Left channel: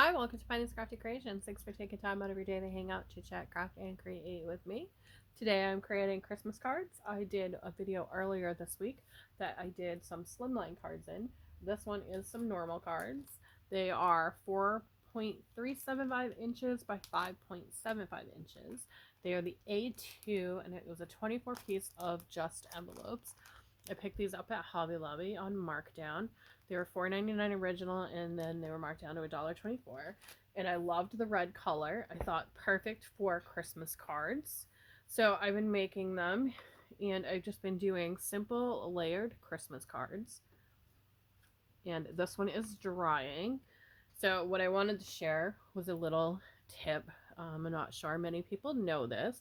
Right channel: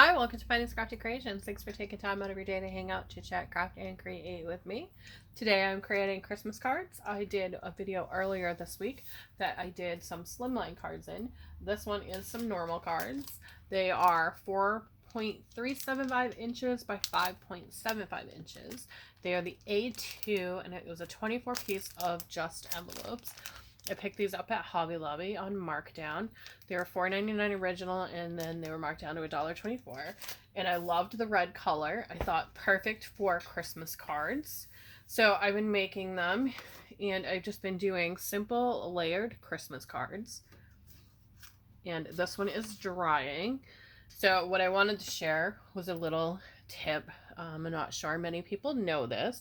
Hi, welcome to Finding Crafty Creations. Thanks for taking time out of your day to hang out, chit chat, craft, and create with me. Today I'm creating Christmas cards. I did a video earlier this week that I did some slimline cards in. This one is some normal cards. They are 4.375 inches by 5.75 inches. They are the A2, and it was a 24 piece of just envelopes. I picked these up at Hobby Lobby on markdown. They were $4.99 original, and then they were marked down to $1.24. And I loved the red color. I thought perfect for Christmas cards. So I've been making them, and I've just been doing simple layered Christmas cards. And this one is drying. So what I wanted to share was a little tip. I'm not sure many people know this,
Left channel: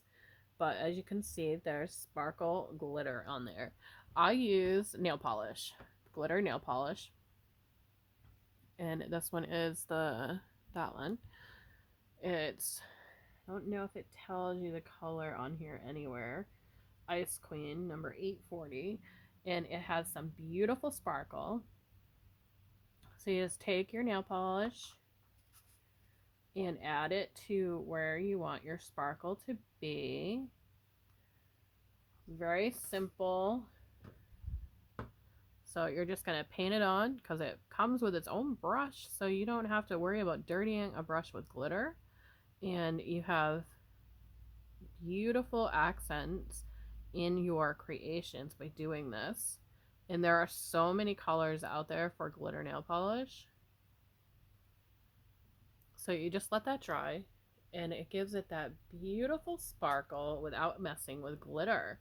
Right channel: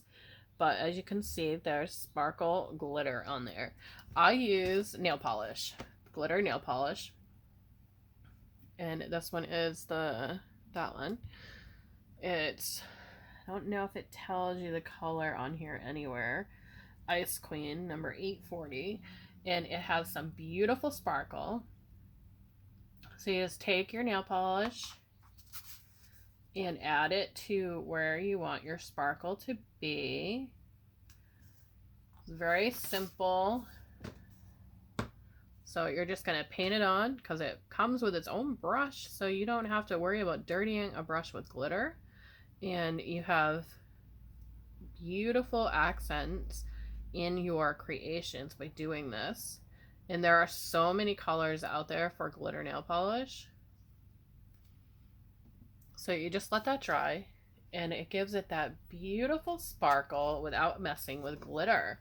but as you can see, there's sparkle glitter on there. I use nail polish, glitter nail polish, and this one is that one. It's, I don't know if it tells you the color on here anywhere. Ice Queen number 840, and it has some beautiful sparkle. So you just take your nail polish and add it to where you want your sparkle to be. It's very simple. So you're just going to paint it on because it comes with its own brush, so you don't have to worry about dirtying a brush with glitter. And you have beautiful accents in your creations by doing this. And there are so many colors out there for glitter nail polish. So you just let that dry, and it gives it that beautiful sparkle without messing with glitter.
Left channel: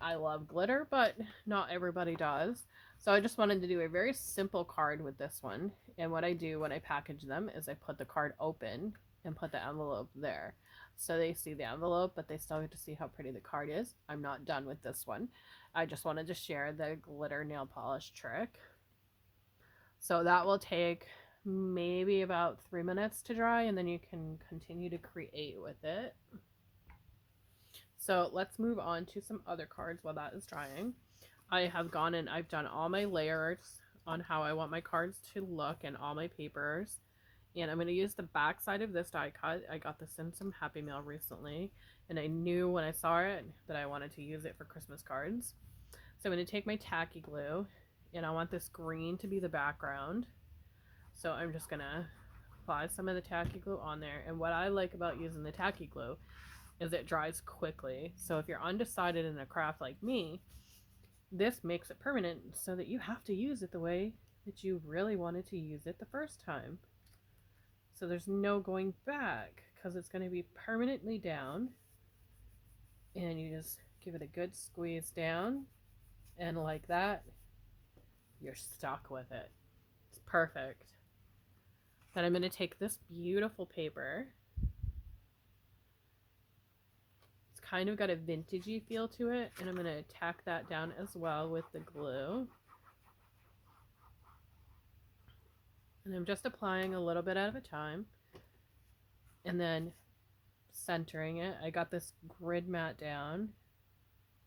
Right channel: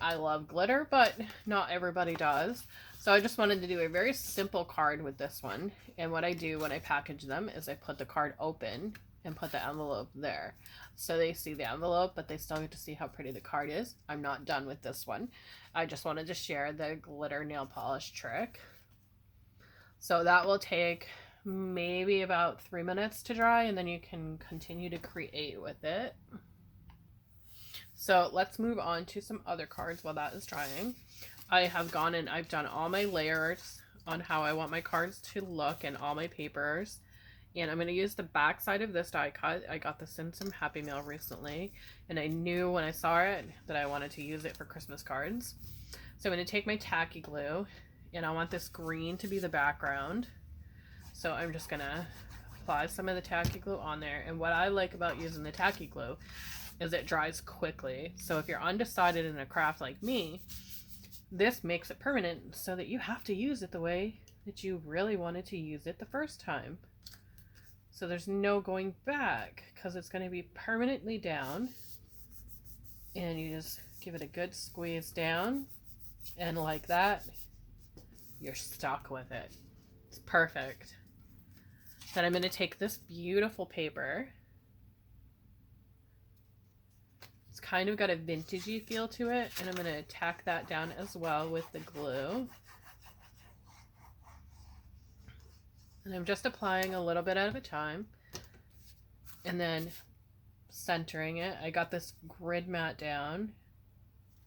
I love glitter, but not everybody does. So I just wanted to do a very simple card with this one. And what I do when I package them is I put the card open and put the envelope there. So they see the envelope, but they still get to see how pretty the card is. I'm not done with this one. I just wanted to share the glitter nail polish trick. So that will take maybe about 3 minutes to dry, and then you can continue to create with it. So let's move on to some other cards while that is drying. I have gone and I've done all my layers on how I want my cards to look and all my papers. And I'm going to use the back side of this die cut. I got this in some Happy Mail recently, and I knew when I saw it that I wanted to use it for Christmas cards. So I'm going to take my tacky glue, and I want this green to be the background. So I'm just going to apply some of the tacky glue on there. And what I like about using the tacky glue is it dries quickly. So if you're undecided in a craft like me, this makes it permanent so that you have to use it the way that you really wanted to use it the first time. So there's no going back because it's going to be permanently down. And you just give it a good squeeze down, and like that, you're stuck with it. It's perfect. Then I'm going to take this beautiful paper. Kind of got a vintagey feel to it, and I'm going to tack that down as well with the glue. And I'm just applying a little bit at a time and then centering it. I got this grid mat down,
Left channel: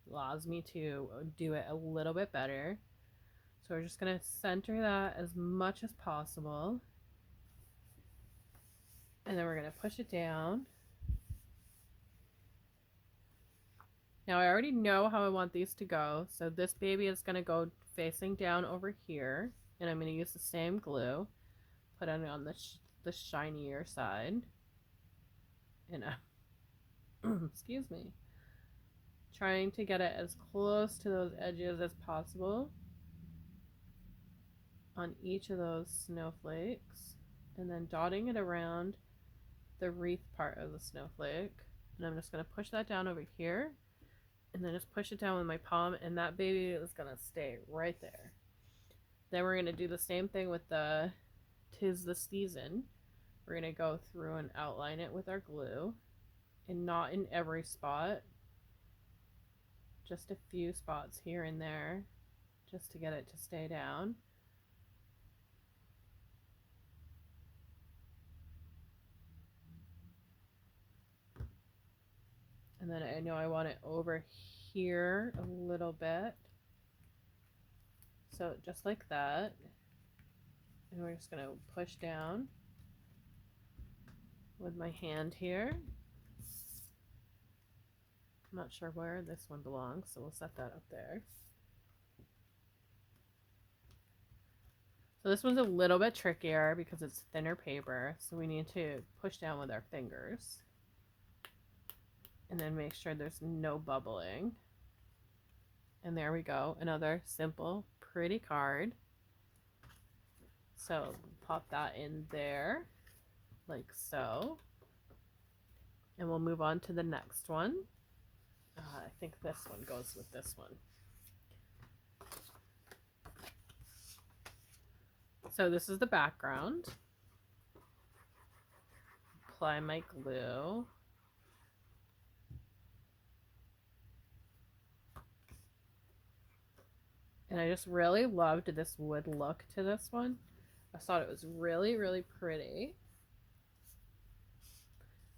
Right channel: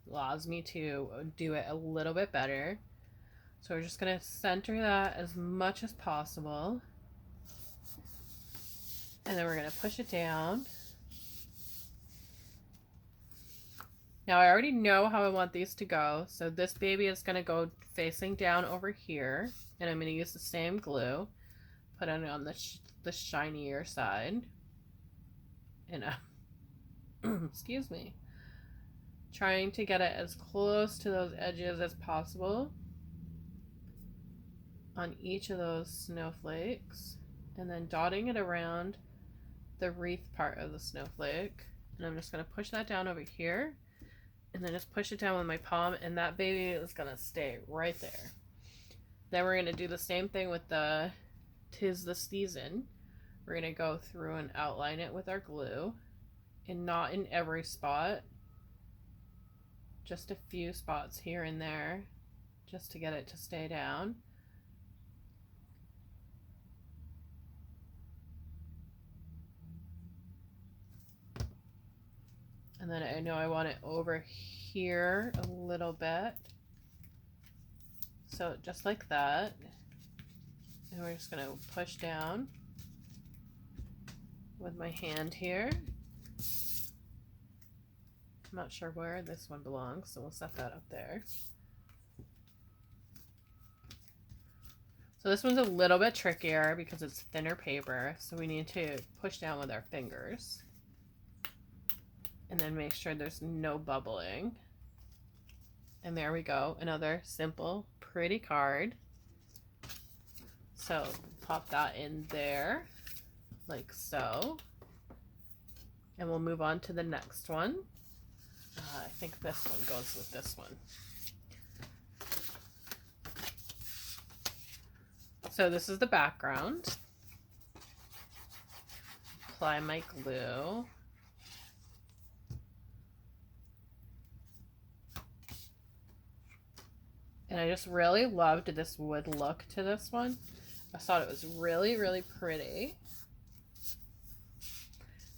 allows me to do it a little bit better. So we're just going to center that as much as possible, and then we're going to push it down. Now I already know how I want these to go, so this baby is going to go facing down over here, and I'm going to use the same glue, put it on the shinier side, and excuse me, trying to get it as close to those edges as possible on each of those snowflakes, and then dotting it around the wreath part of the snowflake. And I'm just going to push that down over here, and then just push it down with my palm, and that baby is going to stay right there. Then we're going to do the same thing with the 'Tis the Season. We're going to go through and outline it with our glue, and not in every spot, just a few spots here and there, just to get it to stay down. And then I know I want it over here a little bit. So just like that. And we're just going to push down with my hand here. I'm not sure where this one belongs, so we'll set that up there. So this one's a little bit trickier because it's thinner paper, so we need to push down with our fingers. And then make sure there's no bubbling. And there we go, another simple, pretty card. So pop that in there, like so. And we'll move on to the next one. I think this one goes with this one. So this is the background. Apply my glue. And I just really loved this wood look to this one. I thought it was really, really pretty.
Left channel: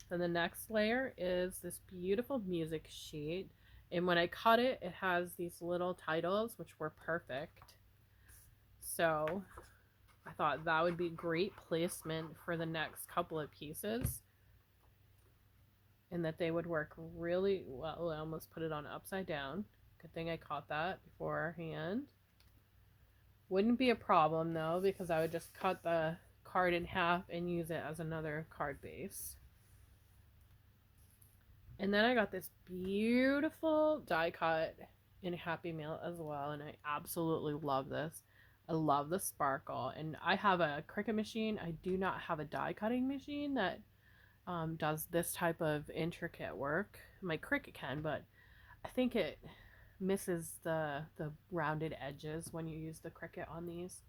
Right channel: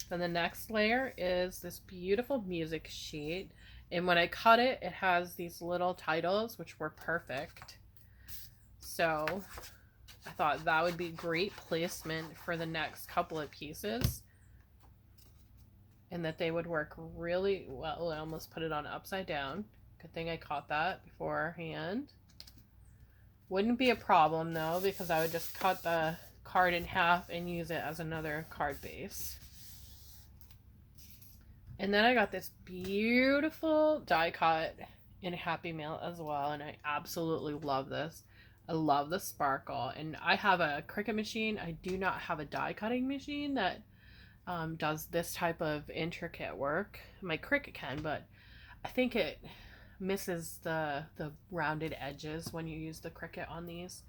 Then the next layer is this beautiful music sheet. And when I cut it, it has these little titles, which were perfect. So I thought that would be great placement for the next couple of pieces. And that they would work really well. I almost put it on upside down. Good thing I caught that beforehand. Wouldn't be a problem though, because I would just cut the card in half and use it as another card base. And then I got this beautiful die cut in Happy Mail as well, and I absolutely love this. I love the sparkle, and I have a Cricut machine. I do not have a die cutting machine that does this type of intricate work. My Cricut can, but I think it misses the rounded edges when you use the Cricut on these.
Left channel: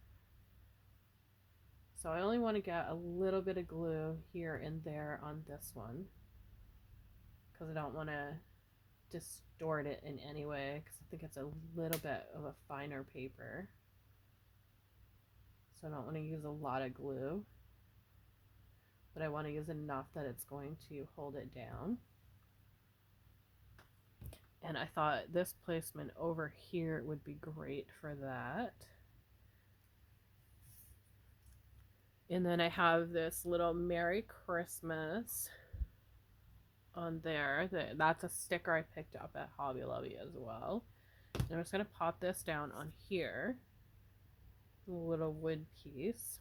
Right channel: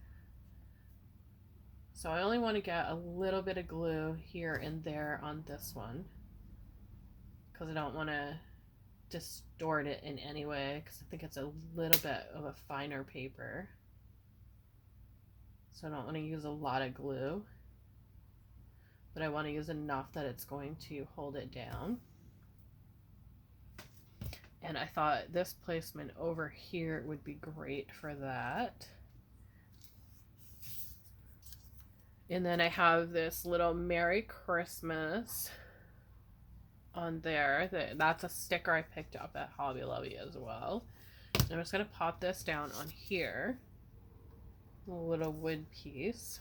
So I only want to get a little bit of glue here and there on this one, because I don't want to distort it in any way, because I think it's a little bit of a finer paper. So I don't want to use a lot of glue, but I want to use enough that it's going to hold it down. And I thought this placement over here would be great for that. And then I have this little Merry Christmas on there. That's a sticker I picked up at Hobby Lobby as well. And I'm just going to pop this down on here. A little wood piece.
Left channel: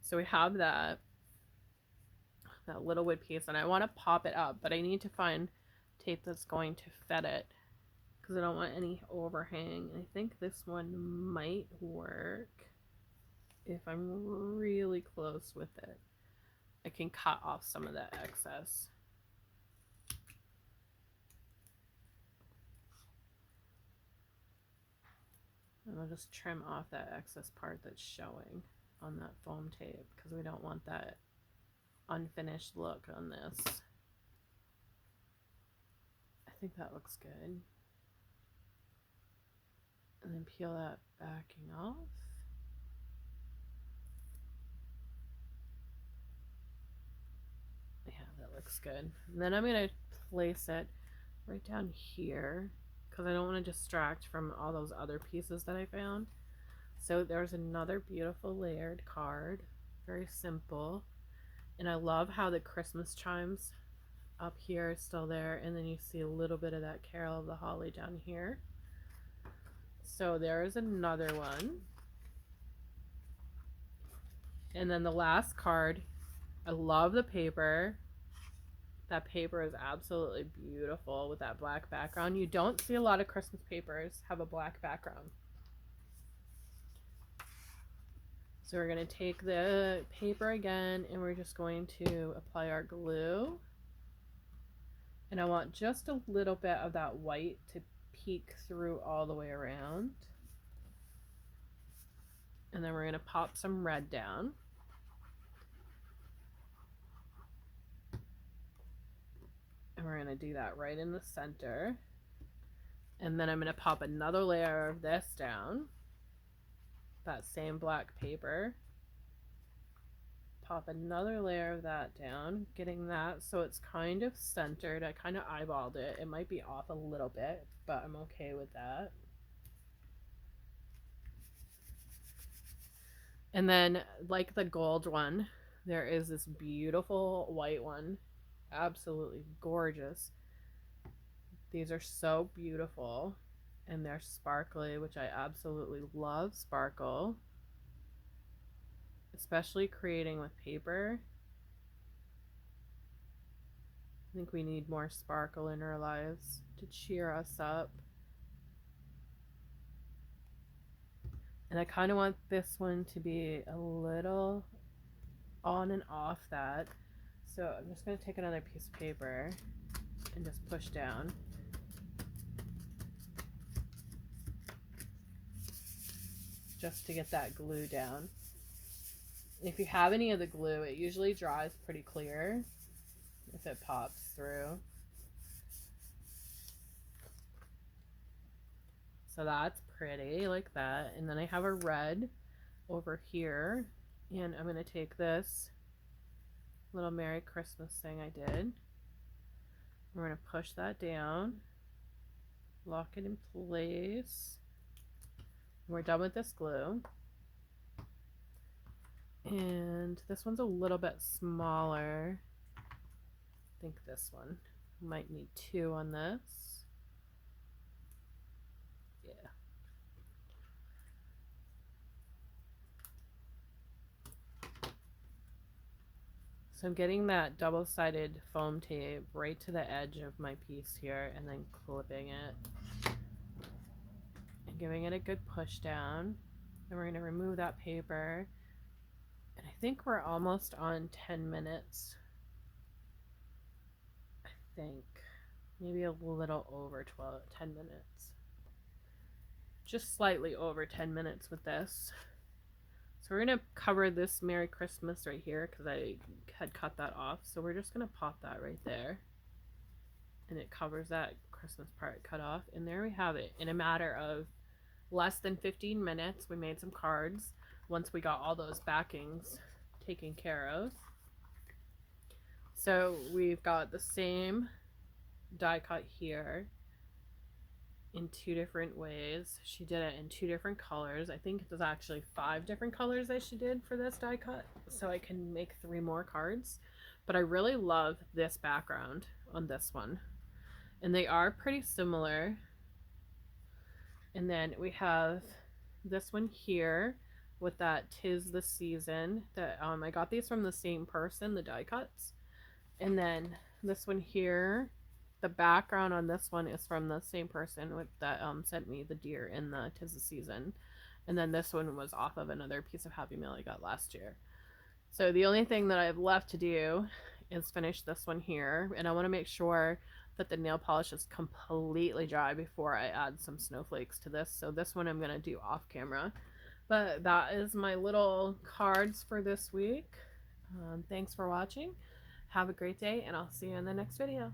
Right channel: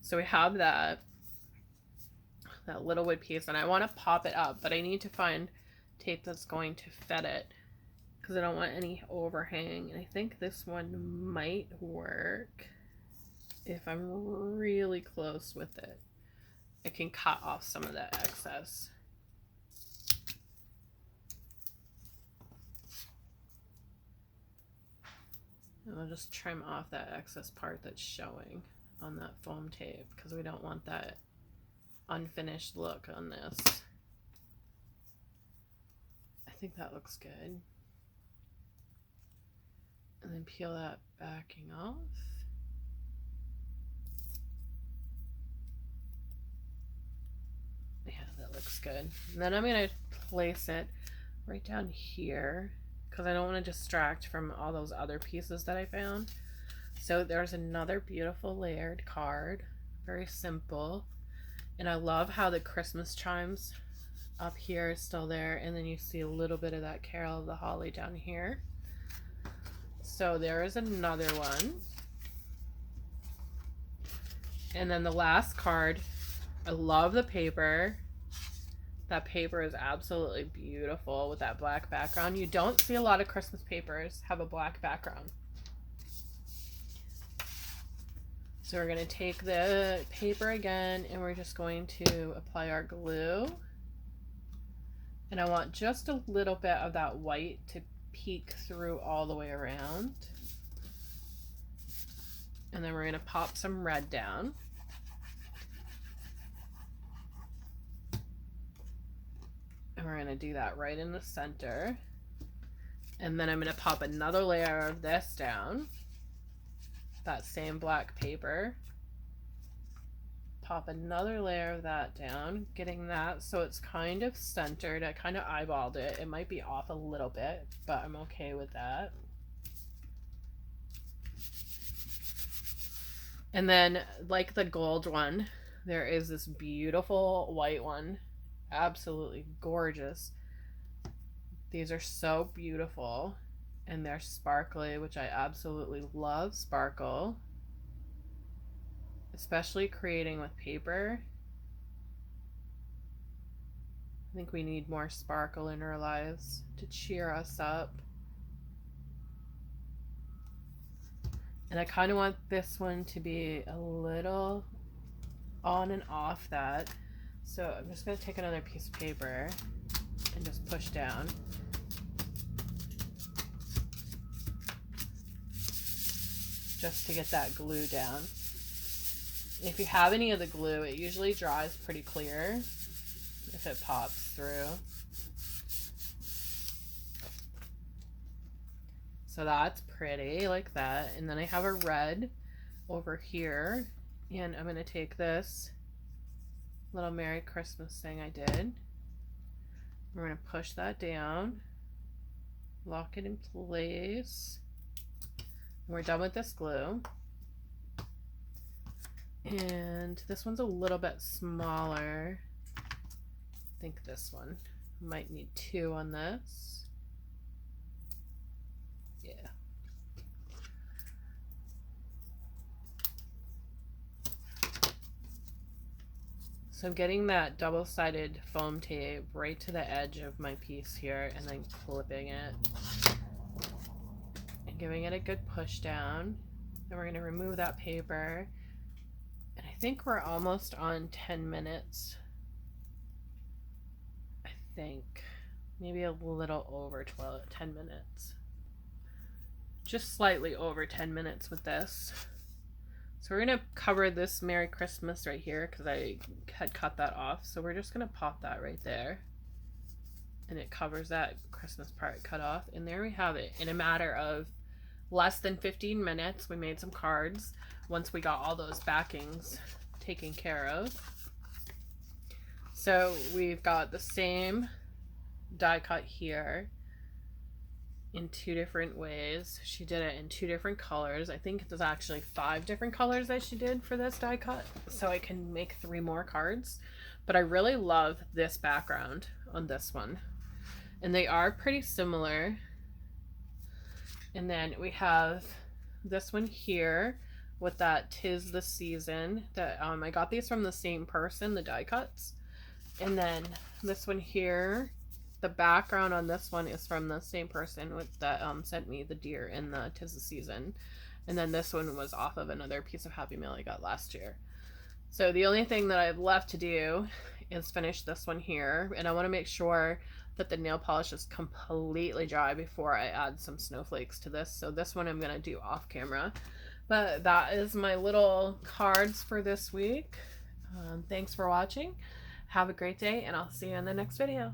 So we have that little wood piece, and I want to pop it up, but I need to find tape that's going to fit it, because I don't want any overhang. And I think this one might work if I'm really close with it. I can cut off some of that excess. And I'll just trim off that excess part that's showing on that foam tape, because we don't want that unfinished look on this. I think that looks good. And then peel that backing off. Yeah, that looks good. And then I'm going to place it right down here, because I don't want to distract from all those other pieces that I found. So there's another beautiful layered card, very simple. And I love how the Christmas chimes up here is still there, and then you see a little bit of that Carol of the Holly down here. So there is another one. And then the last card, I love the paper. That paper is absolutely beautiful with that black background. You don't see a lot of Christmas papers have a black background. So we're going to take the paper again, and we're just going to apply our glue. And I want just a little bit of that white to peek through all the way around. And then we're going to pop some red down. And we're going to do that right in the center. And then I'm going to pop another layer of this down. That same black paper. pop another layer of that down, getting that so it's kind of centered. I kind of eyeballed it. It might be off a little bit, but I'm okay with that. And then, like the gold one, there is this beautiful white one. Absolutely gorgeous. These are so beautiful. And they're sparkly, which I absolutely love sparkle. Especially creating with paper. I think we need more sparkle in our lives to cheer us up. And I kind of want this one to be a little on and off that. So I'm just going to take another piece of paper and just push down. Just to get that glue down. If you have any of the glue, it usually dries pretty clear if it pops through. So that's pretty, like that. And then I have a red over here, and I'm going to take this little Merry Christmas thing I did. We're going to push that down, lock it in place. We're done with this glue. And this one's a little bit smaller. I think this one might need 2 on this. Yeah. So I'm getting that double-sided foam tape right to the edge of my piece here and then clipping it and giving it a good push down. And we're going to remove that paper. And I think we're almost on 10 minutes. I think maybe a little over 10 minutes. Just slightly over 10 minutes with this. So we're going to cover this Merry Christmas right here because I had cut that off. So we're just going to pop that right there. And it covers that Christmas part cut off. And there we have it. In a matter of less than 15 minutes, we made some cards once we got all those backings taken care of. So we've got the same die cut here in 2 different ways. She did it in 2 different colors. I think there's actually 5 different colors that she did for this die cut, so I can make 3 more cards. But I really love this background on this one, and they are pretty similar. And then we have this one here with that 'Tis the Season that I got these from the same person, the die cuts. And then this one here, the background on this one is from the same person with that sent me the deer in the 'Tis the Season. And then this one was off of another piece of Happy Mail I got last year. So the only thing that I have left to do is finish this one here, and I want to make sure that the nail polish is completely dry before I add some snowflakes to this. So this one I'm going to do off camera. But that is my little cards for this week. Thanks for watching. Have a great day, and I'll see you in the next video.